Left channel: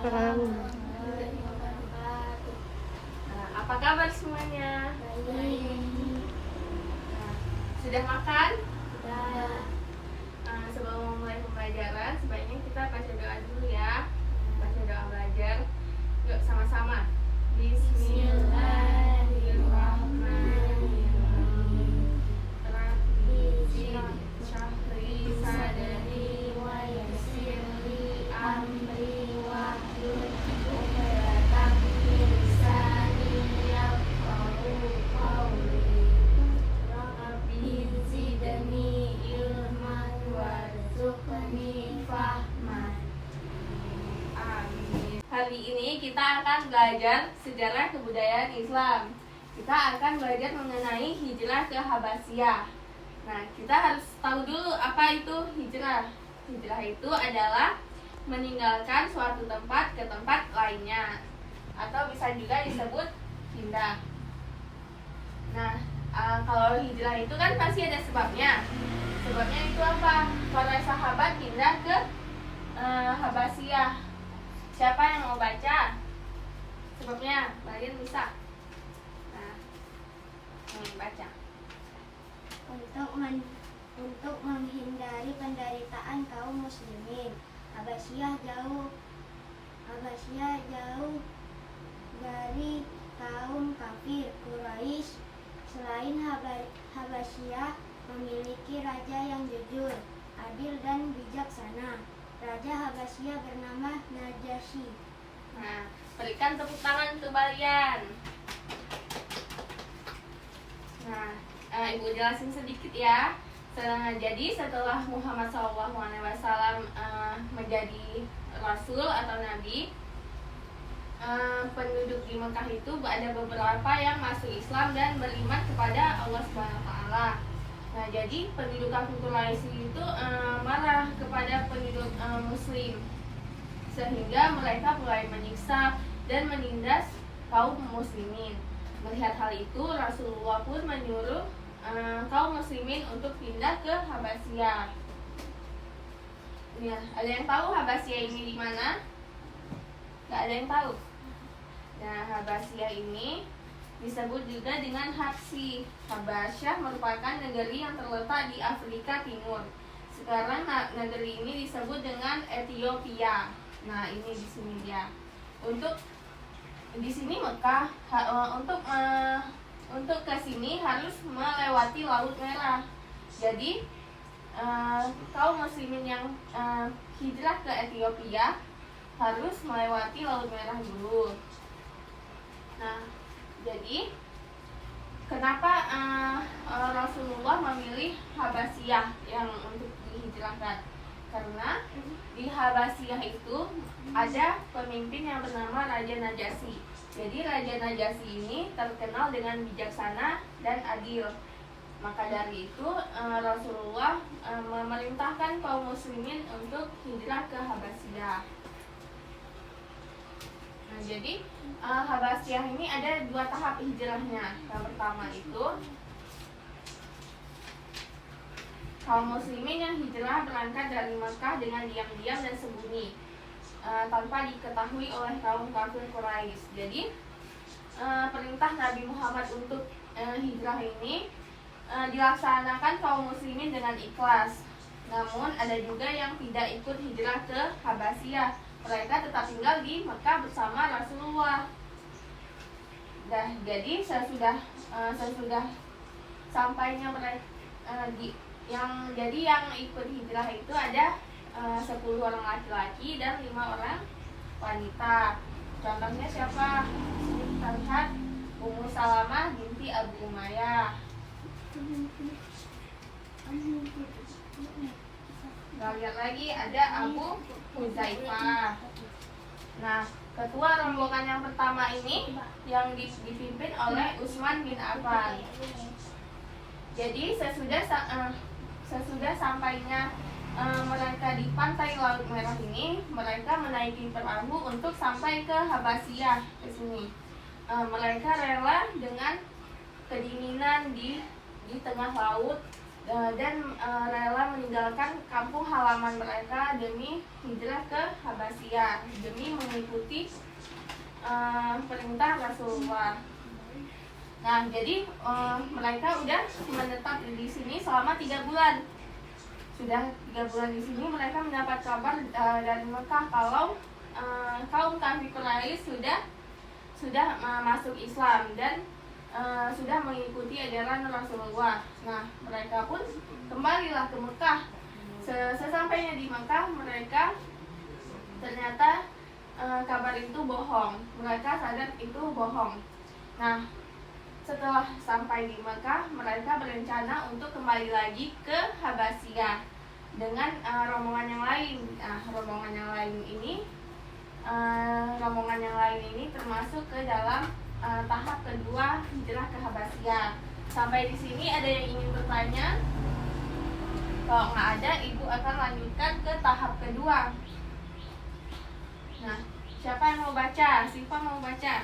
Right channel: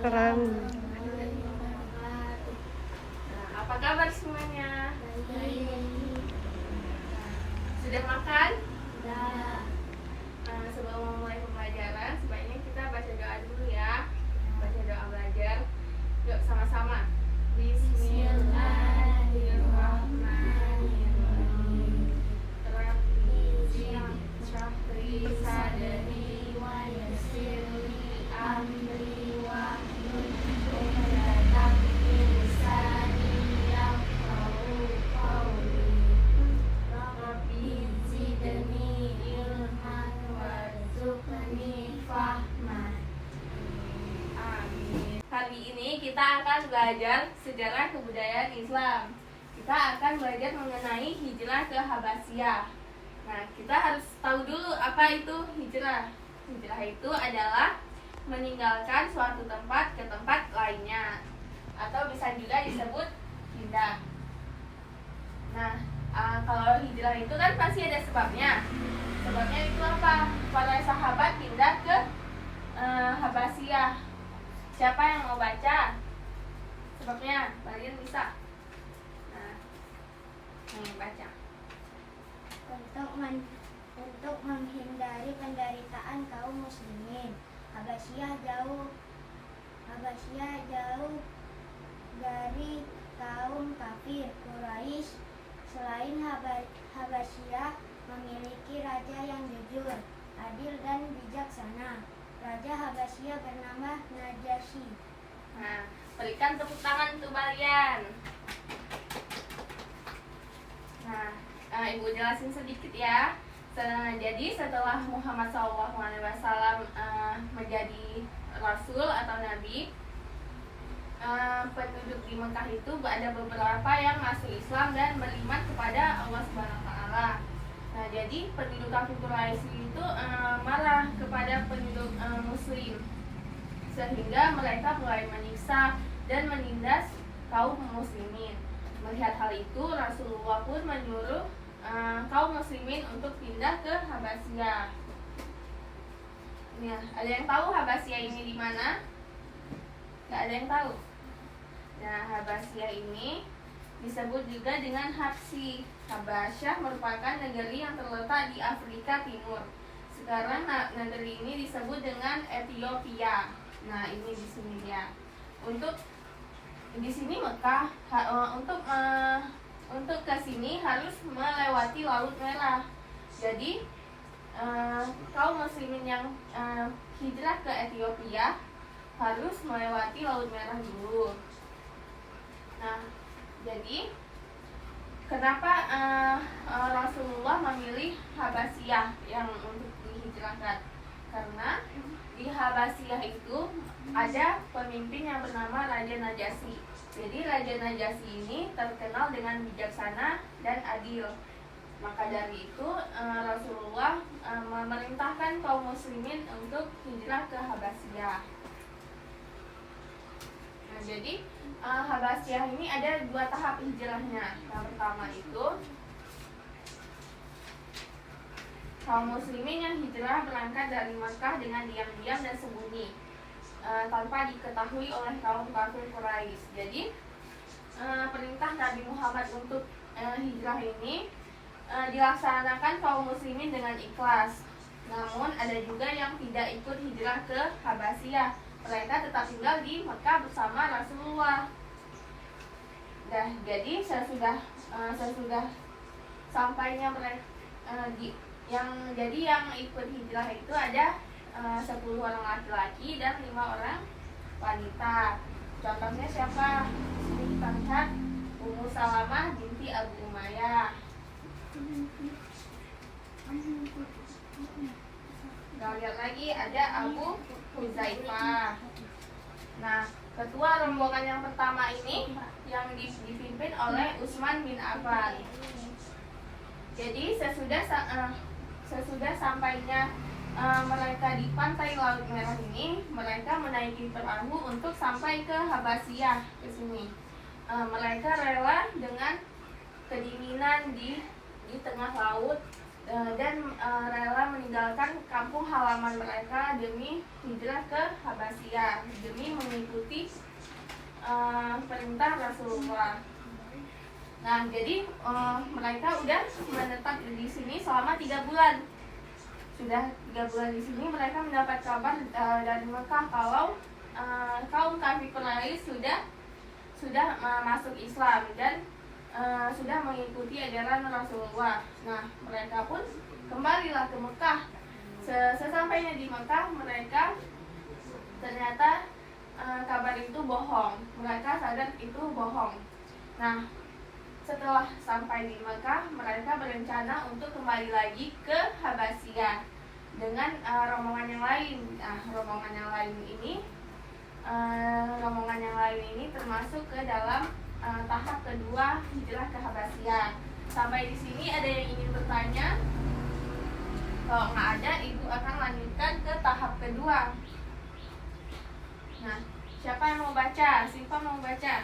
Keren. Nah, apa kabar semuanya? Sudah makan? Sebelum mulai pembelajaran, sebaiknya kita baca doa dulu ya. Baca doa belajar. Yuk sama-sama. Bismillahirrahmanirrahim. Rabbi syrahli sadri wa yassirli amri wahlul 'uqdatam min lisani yafqahu qawli. Rabbi zidni ilman warzuqni fahman. Amin. Hari ini kita akan belajar sejarah kebudayaan Islam. Kita akan belajar mengenai hijrah ke Habasyah. Nah, kita harus tahu dulu apa itu hijrah. Hijrah itu adalah meninggalkan suatu tempat ke tempat lainnya, atau bisa juga disebut pindah. Nah, kalau hijrah itu kan pasti ada sebabnya. Sebabnya itu apa? Para sahabat pindah ke Habasyah. Siapa yang mau baca? Sebabnya, kalian bisa. Nah, baca. Untuk menghindari penderitaan kaum muslimin, Habasyah jauh dari kaum kafir Quraisy. Selain Habasyah memiliki raja yang jujur, adil dan bijaksana. Raja Habasyah bernama Najasyi. Nah, berikan tepuk tangan untuk kalian. Nah, Ibu jelasin sedikit ya. Jadi setelah Muhammad SAW menjadi Rasul atau Nabi, penduduk di Mekah itu ada beberapa yang masuk Islam dan beriman kepada Allah Subhanahu Wa Taala. Nah, jadi penduduk kampung Quraisy itu marah kepada penduduk Muslim, sehingga mereka mulai menyiksa dan menindas kaum muslimin. Melihat hal itu, Rasulullah pun menyuruh kaum muslimin untuk pindah ke Habasyah. Ya, ada yang tahu Habasyah ini di mana? Gak ada yang tahu. Nah, Habasyah ini disebut juga dengan Habsyi. Habasyah merupakan negeri yang terletak di Afrika Timur. Sekarang negeri ini disebut dengan Ethiopia. Nah, ini di sini dia. Untuk di sini Mekah untuk ke sini harus melewati Laut Merah. Jadi kaum muslimin yang hijrah ke Ethiopia harus melewati Laut Merah dulu. Nah, jadi kenapa Rasulullah memilih Habasyah yang untuk dihijrahkan? Karena di Habasyah itu ada pemimpin yang bernama Raja Najasyi. Jadi Raja Najasyi ini terkenal dengan bijaksana dan adil. Maka dari itu Rasulullah memerintahkan kaum muslimin untuk hijrah ke Habasyah. Nah, jadi Habasyah ini ada 2 tahap hijrahnya. Yang pertama itu kaum muslimin yang hijrah berangkat dari Makkah dengan diam-diam dan sembunyi, tanpa diketahui oleh kaum kafir Quraisy. Jadi perintah Nabi Muhammad untuk hijrah ini dilaksanakan kaum muslimin dengan ikhlas. Namun ada juga yang tidak ikut hijrah ke Habasyah. Mereka tetap tinggal di Mekah bersama Rasulullah. Nah, jadi sesudah sampainya mereka yang ikut hijrah itu ada 10 orang laki-laki dan 5 orang wanita. Contohnya siapa? Ini kita lihat Ummu Salamah binti Abu Umayyah. Kita lihat lagi ada Abu Huzaifah. Nah, ketua rombongan yang pertama ini yang dipimpin oleh Utsman bin Affan. Jadi sesudah sampainya mereka di pantai Laut Merah ini, mereka menaiki perahu untuk sampai ke Habasyah ke sini. Mereka rela dengan kedinginan di tengah laut dan rela meninggalkan kampung halaman mereka demi hijrah ke Habasyah, demi mengikuti perintah Rasulullah. Nah, jadi mereka udah menetap di sini selama 3 bulan. Sudah 3 bulan di sini, mereka mendapat kabar dari Mekah kalau kaum kafir Quraisy sudah masuk Islam dan sudah mengikuti ajaran Rasulullah. Nah, mereka pun kembalilah ke Mekah. Sesampainya di Mekah, mereka ternyata kabar itu bohong. Mereka sadar itu bohong. Nah, setelah sampai di Mekah, mereka berencana untuk kembali lagi ke Habasyah dengan rombongan yang lain. Nah, rombongan yang lain ini termasuk ke dalam tahap kedua hijrah ke Habasyah. Sampai di sini ada yang ingin bertanya? Kalau nggak ada, ibu akan lanjutkan ke tahap kedua. Nah, siapa yang mau baca? Siapa mau baca?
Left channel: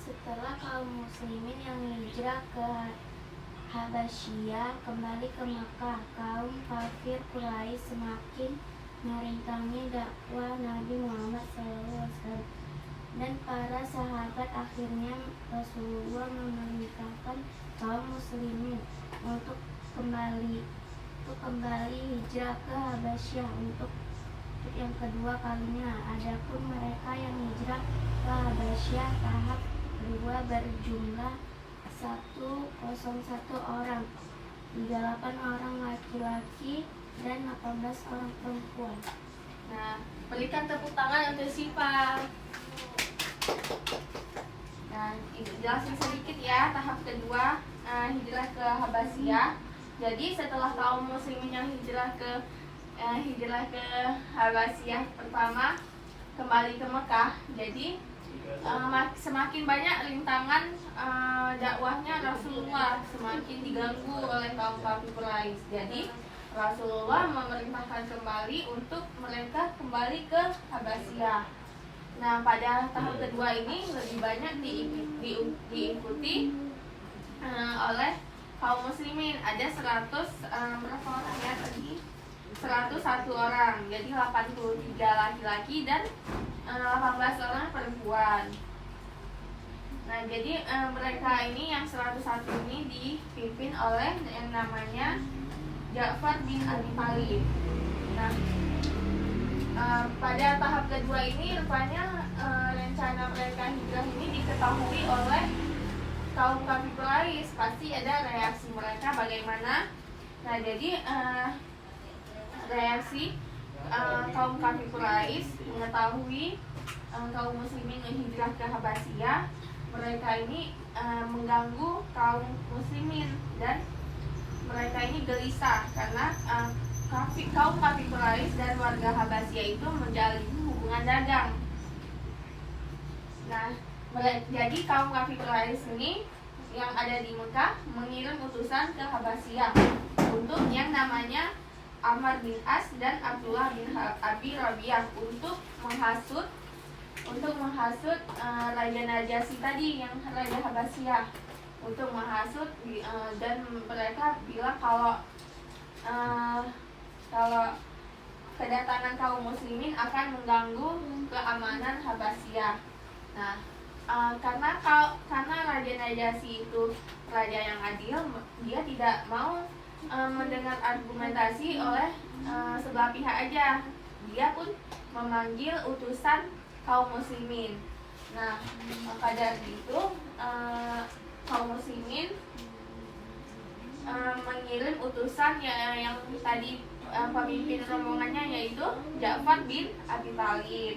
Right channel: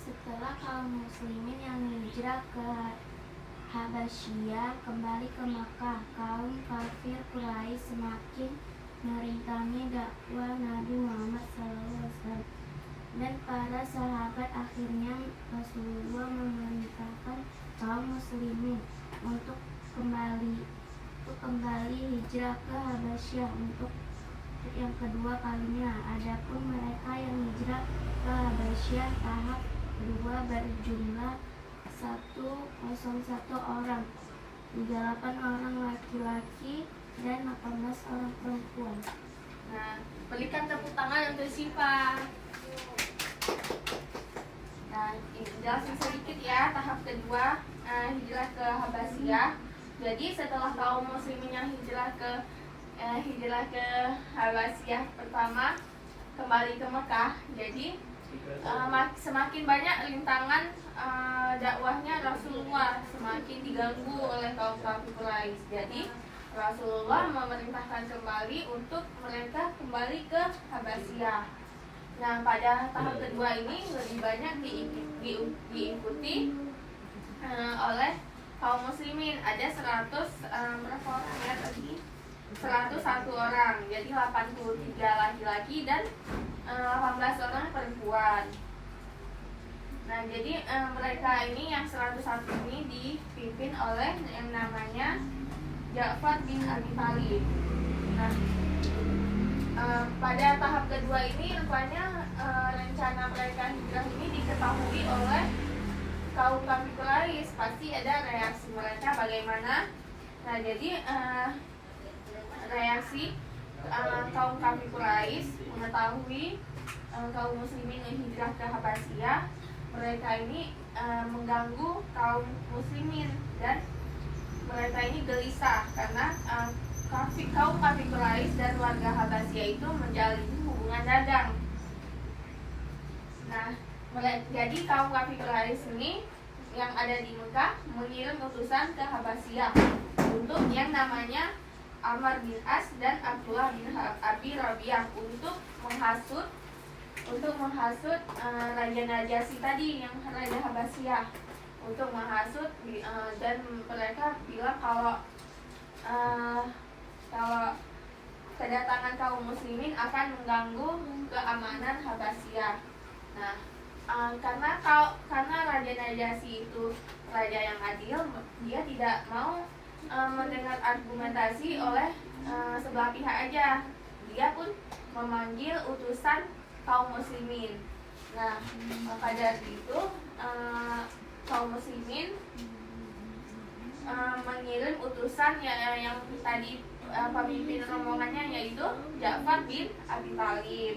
Setelah kaum muslimin yang hijrah ke Habasyah kembali ke Makkah, kaum kafir Quraisy semakin merintangi dakwah Nabi Muhammad SAW. Dan para sahabat akhirnya Rasulullah memerintahkan kaum muslimin untuk kembali hijrah ke Habasyah untuk yang kedua kalinya. Adapun mereka yang hijrah ke Habasyah tahap 2 berjumlah 101 orang, 38 orang laki-laki dan 18 orang perempuan. Nah, berikan tepuk tangan untuk Siva. Nah, jelasin sedikit ya tahap kedua hijrah ke Habasyah. Jadi setelah kaum muslimin yang hijrah ke Habasyah pertama kembali ke Mekah, jadi semakin banyak rintangan dakwahnya Rasulullah, semakin diganggu oleh kaum kafir Quraisy. Jadi Rasulullah memerintahkan kembali untuk mereka kembali ke Habasyah. Nah, pada tahap kedua ini lebih banyak diikuti oleh kaum muslimin. Ada 100 berapa orang ya tadi? 101 orang. Jadi 83 laki-laki dan 18 orang perempuan. Nah, jadi mereka ini yang 101 ini dipimpin oleh yang namanya Ja'far bin Abi Thalib. Nah, pada tahap kedua ini rupanya rencana mereka hijrah ini diketahui oleh kaum kafir Quraisy. Pasti ada reaksi mereka bagaimana. Nah, jadi reaksi kaum kafir Quraisy mengetahui kaum muslimin yang hijrah ke Habasyah, mereka ini mengganggu kaum muslimin dan mereka ini gelisah karena kaum kafir Quraisy dan warga Habasyah itu menjalin hubungan dagang. Nah, jadi kaum kafir Quraisy ini yang ada di Mekah mengirim utusan ke Habasyah untuk yang namanya Amr bin As dan Abdullah bin Abi Rabi'ah untuk menghasut Raja Najasyi tadi, yang Raja Habasyah, untuk menghasut dan mereka bilang kalau kedatangan kaum muslimin akan mengganggu keamanan Habasyah. Nah, karena Raja Najasyi itu raja yang adil, dia tidak mau mendengar argumentasi oleh sebelah pihak aja. Dia pun memanggil utusan kaum muslimin. Nah, maka dari itu kaum muslimin mengirim utusan yang tadi pemimpin rombongannya yaitu Ja'far bin Abi Thalib,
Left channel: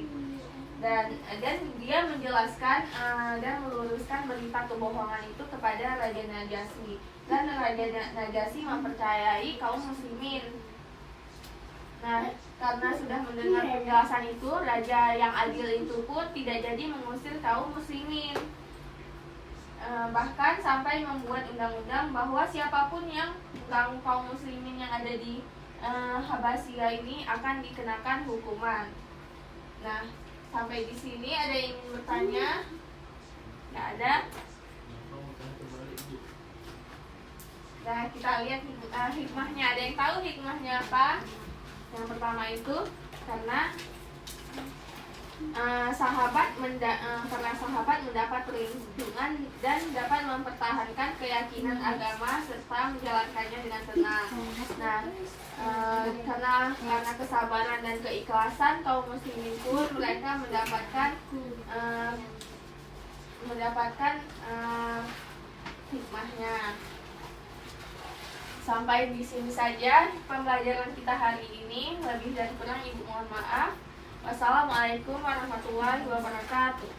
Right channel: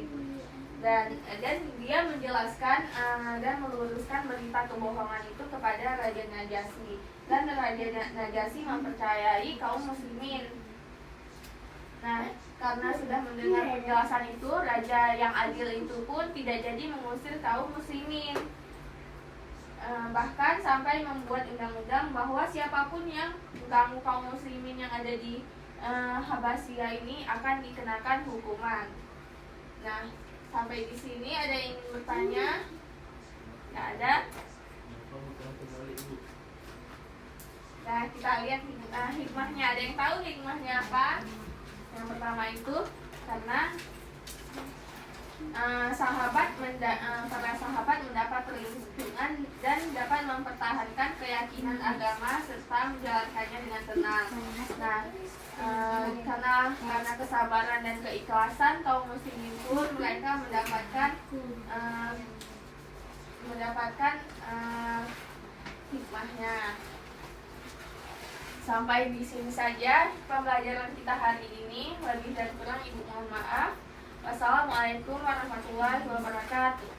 dan dia menjelaskan dan meluruskan berita kebohongan itu kepada Raja Najasyi, dan Raja Najasyi mempercayai kaum muslimin. Nah, karena sudah mendengar penjelasan itu, raja yang adil itu pun tidak jadi mengusir kaum muslimin. Bahkan sampai membuat undang-undang bahwa siapapun yang mengganggu kaum muslimin yang ada di Habasyah ini akan dikenakan hukuman. Nah, sampai di sini ada yang ingin bertanya? Nggak ada? Nah, kita lihat hikmahnya. Ada yang tahu hikmahnya apa? Yang pertama itu karena karena sahabat mendapat perlindungan dan dapat mempertahankan keyakinan agama serta menjalankannya dengan tenang. Nah, karena kesabaran dan keikhlasan kaum muslimin pun mereka mendapatkan hikmahnya. Sampai di sini saja pembelajaran kita hari ini. Lebih dan kurang ibu mohon maaf. Wassalamualaikum warahmatullahi wabarakatuh.